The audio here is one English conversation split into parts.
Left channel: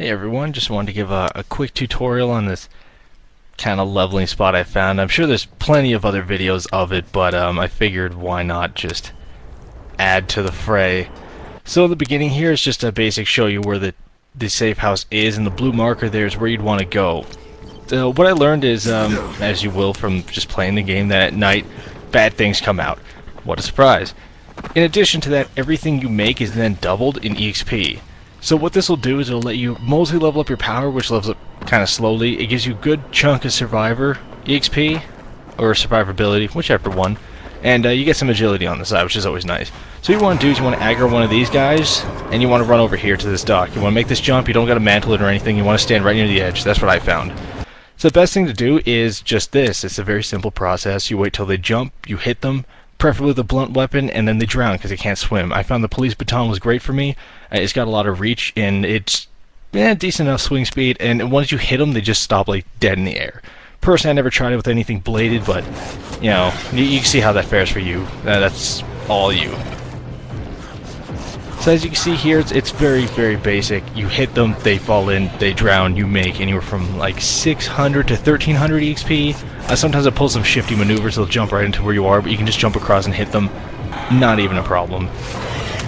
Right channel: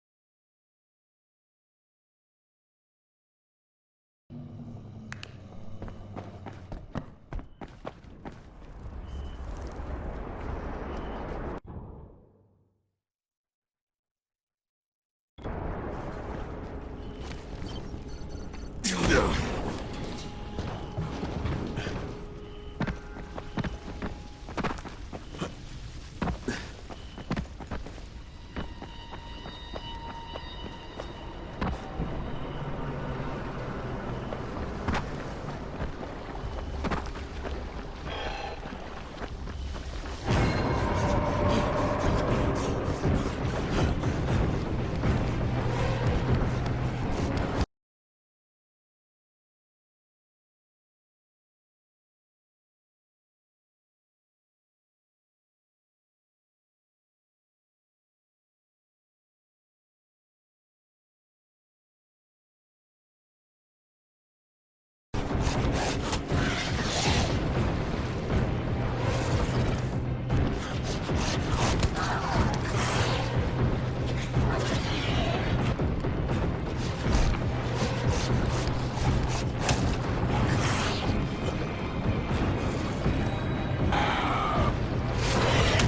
Hey everyone, just wanted to give a quick tutorial on this kind of leveling spot I found. I'm sure there's plenty of other videos of it, but I figured why not just add to the fray. So the beginning here is just a basic show you where the safe house is, and the blue marker there is where you'd want to go. So what I learned is, as you will from just playing the game, that at night bad things come out. What a surprise. In addition to that, everything you make is then doubled in EXP. So what this will do is it'll let you mostly level up your power, which levels up kind of slowly. It gives you a good chunk of survivor EXP, or survivability, whichever one. And you get some agility on the side, which is always nice. So what you want to do is you want to aggro one of these guys, and you want to run over here to this dock. You want to make this jump, you don't got to mantle it or anything, you want to stand right near the edge. That's what I found. So the best thing to do is just this. It's a very simple process. You wait till they jump, you hit them, preferably with a blunt weapon, and then they drown because they can't swim. I found the police baton was great for me. It's got a lot of reach, and it's decent enough swing speed, and once you hit them, they just stop like dead in the air. Personally, I never tried it with anything bladed, but, you know, you can see how that fares for you. That's all you. So as you can see here, it's very, very basic. You hit them, they fall in, they drown, you make anywhere from like 600 to 1300 EXP. Sometimes it pulls some shifty maneuvers, they'll jump right into where you are, but you can just jump across and hit them. Not even a problem.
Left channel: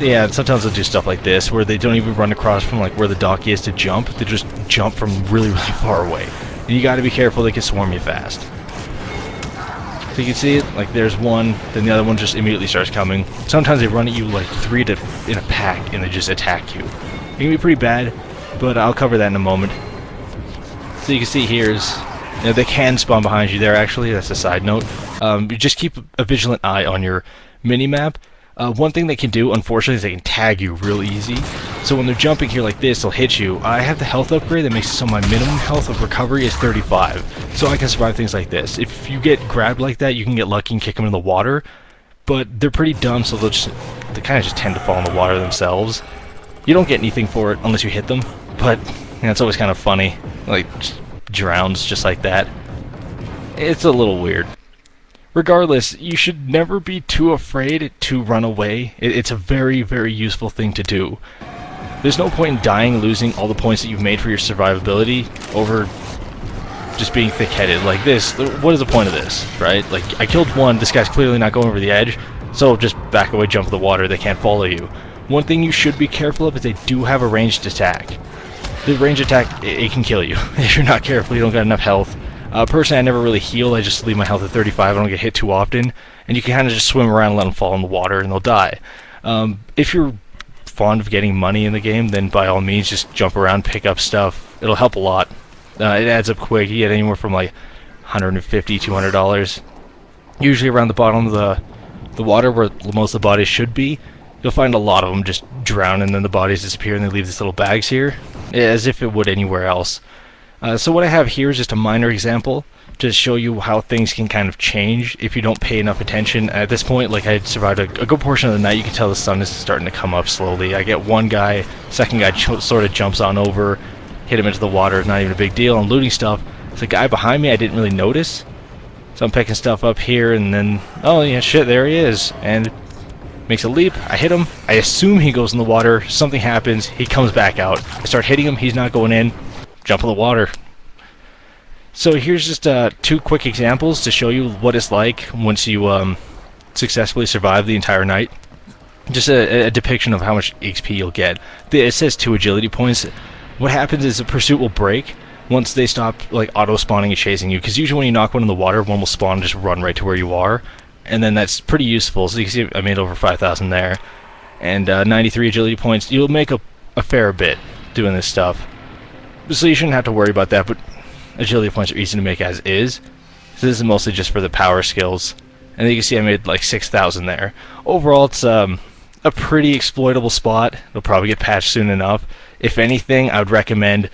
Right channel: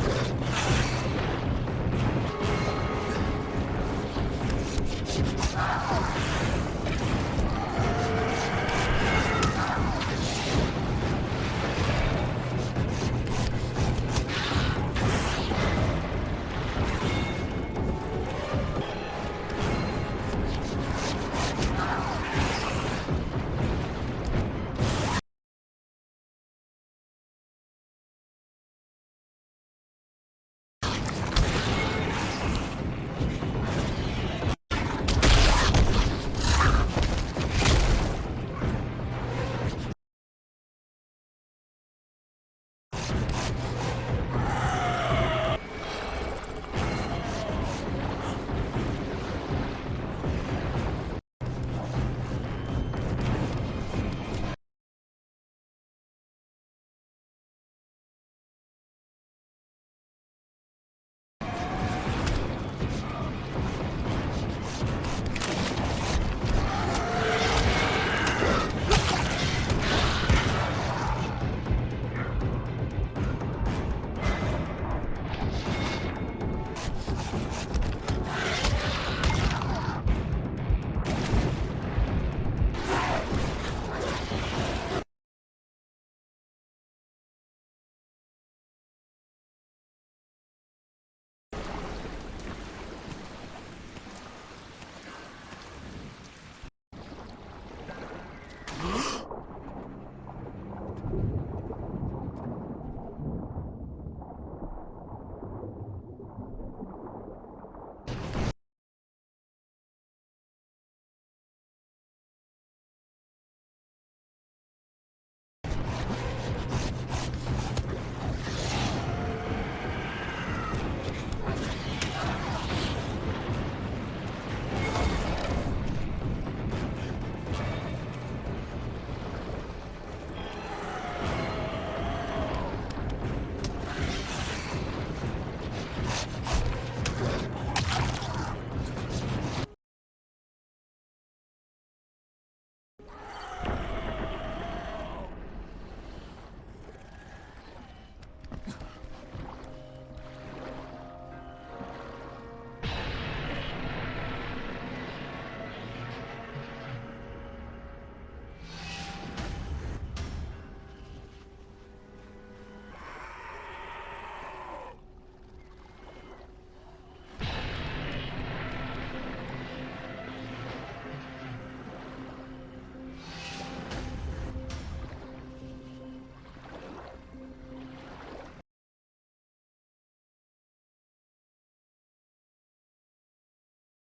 Yeah, sometimes they'll do stuff like this, where they don't even run across from like where the dock is to jump, they just jump from really, really far away. And you gotta be careful, they can swarm you fast. So you can see it, like there's one, then the other one just immediately starts coming. Sometimes they run at you like three in a pack and they just attack you. It can be pretty bad, but I'll cover that in a moment. So you can see here's, you know, they can spawn behind you there actually, that's a side note. You just keep a vigilant eye on your mini-map. One thing they can do, unfortunately, is they can tag you real easy. So when they're jumping here like this, they'll hit you. I have the health upgrade that makes it so my minimum health of recovery is 35. So I can survive things like this. If you get grabbed like that, you can get lucky and kick them in the water. But they're pretty dumb, so they kind of just tend to fall in the water themselves. You don't get anything for it unless you hit them. But you know, it's always kind of funny. Like, just drowns just like that. It's a little weird. Regardless, you should never be too afraid to run away. It's a very, very useful thing to do. There's no point in dying, losing all the points that you've made for your survivability over just being thick-headed like this. What is the point of this, right? Like, I killed one, this guy's clearly not going over the edge, so just back away, jump in the water, they can't follow you. One thing you should be careful of is they do have a ranged attack. The ranged attack, it can kill you. If you're not careful, you don't got enough health. Personally, I never really heal, I just leave my health at 35, I don't get hit too often, and you can kind of just swim around and let them fall in the water and they'll die. If you're fond of getting money in the game, then by all means just jump around, pick up stuff, it'll help a lot. It adds up quick, you get anywhere from like $150, $200. Usually around the bottom of the water where most of the bodies should be, you'll find a lot of them just drown and then the bodies disappear and they leave these little bags here, as if it would anywhere else. So what I have here is just a minor example to show you how things can kind of change if you don't pay enough attention. At this point, like I survived a good portion of the night, you can tell the sun is starting to come up slowly. I get one guy, second guy sort of jumps on over, hit him into the water, it's not even a big deal. I'm looting stuff. There's a guy behind me I didn't really notice. So I'm picking stuff up here and then, oh yeah, shit, there he is. And makes a leap, I hit him, I assume he goes in the water, something happens, he comes back out. I start hitting him, he's not going in. Jump in the water. So here's just two quick examples to show you what it's like once you successfully survive the entire night. Just a depiction of how much XP you'll get. It says 2 agility points. What happens is the pursuit will break once they stop like auto-spawning and chasing you, because usually when you knock one in the water, one will spawn and just run right to where you are, and then that's pretty useful. So you can see I made over 5,000 there, and 93 agility points. You'll make a fair bit doing this stuff. So you shouldn't have to worry about that, but agility points are easy to make as is. So this is mostly just for the power skills. And you can see I made like 6,000 there. Overall, it's a pretty exploitable spot. It'll probably get patched soon enough. If anything, I would recommend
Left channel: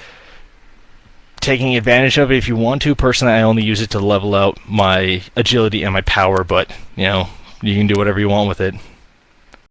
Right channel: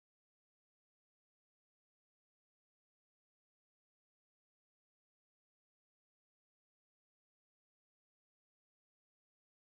taking advantage of it if you want to. Personally, I only use it to level out my agility and my power, but, you know, you can do whatever you want with it.